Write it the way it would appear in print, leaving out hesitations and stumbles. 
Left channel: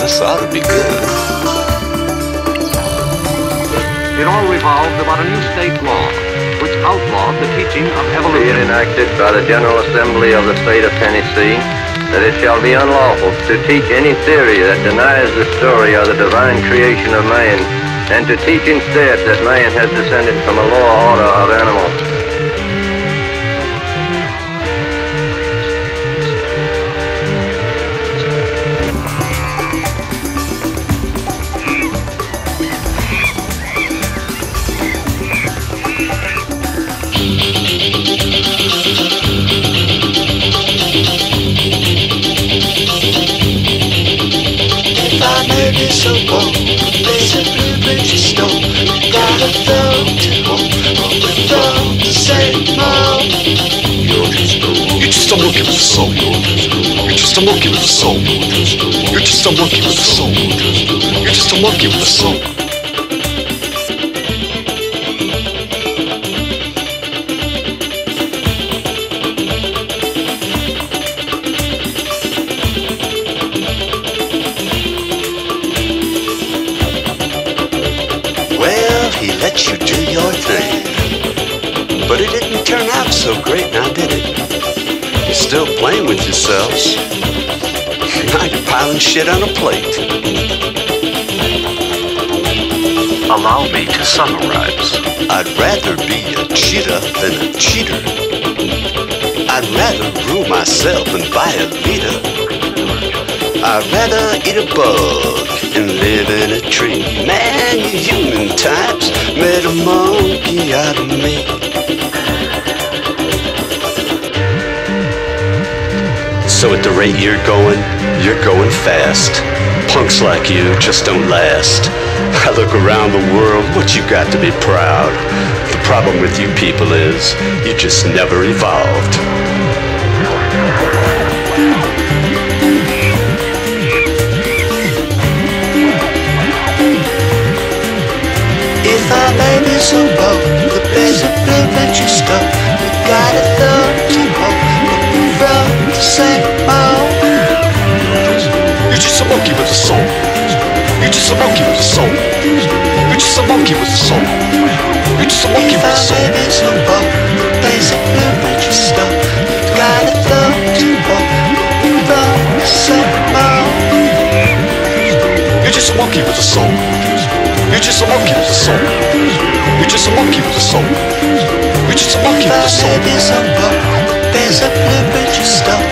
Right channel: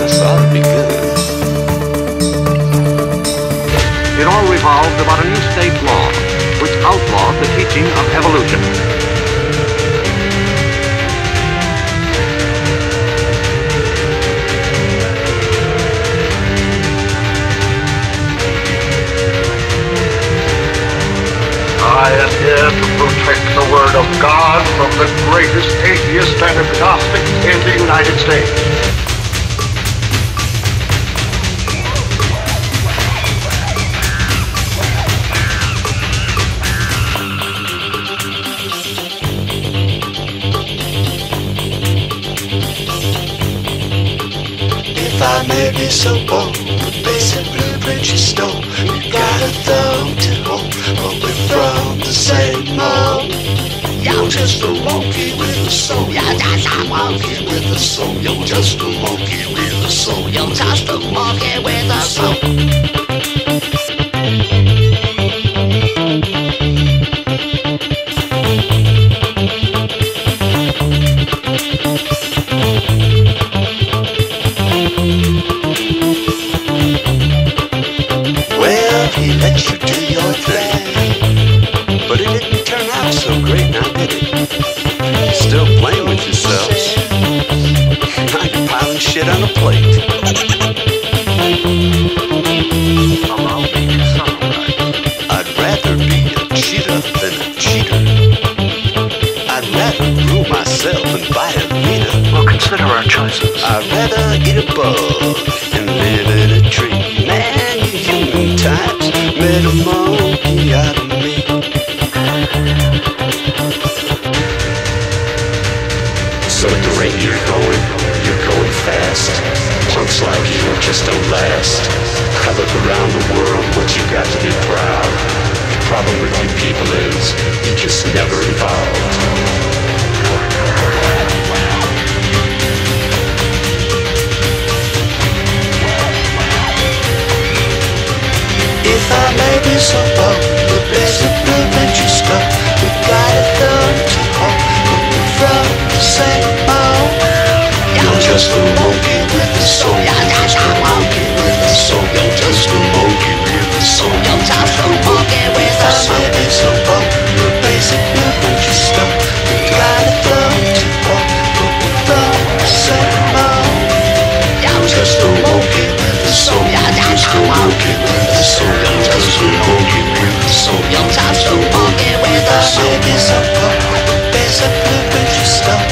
This ought to be good. It all revolves about a new state law which outlawed the teaching of evolution. Enacted by the General Assembly of the State of Tennessee, that it shall be unlawful to teach any theory that denies the story of the divine creation of man, and to teach instead that man has descended from a lower order of animals. I am here to protect the word of God from the greatest atheist and agnostic in the United States. If I may be so bold, the basic blueprint you stole, you got a thumb to hold, but we're from the same mold. You're just a monkey with soul. You're just a monkey with soul. You're just a monkey with soul. You're just a monkey with soul. He let you do your thing, but it didn't turn out so great now, did it? You're still playing with yourselves. Now you're piling shit on a plate. Allow me to summarize. I'd rather be a cheetah than a cheater. I'd rather rule myself and buy a Vita. Well, consider our choices. I'd rather eat a bug and live in a tree. Man, you human types made a monkey out of me. So at the rate you're going fast. Punks like you just don't last. I look around the world, what you got to be proud. The problem with you people is, you just never evolved. If I may be so bold, the basic blueprint you stole, we got a thumb to hold, but we're from the same mold. You're just a monkey with soul. You're just a monkey with soul. You're just a monkey with soul. If I may be so bold, the basic blueprint you stole, we got a thumb to hold, but we're from the same mold. You're just a monkey with soul. You're just a monkey with soul. You're just a monkey with soul. If I may be so bold, the basic blueprint you stole,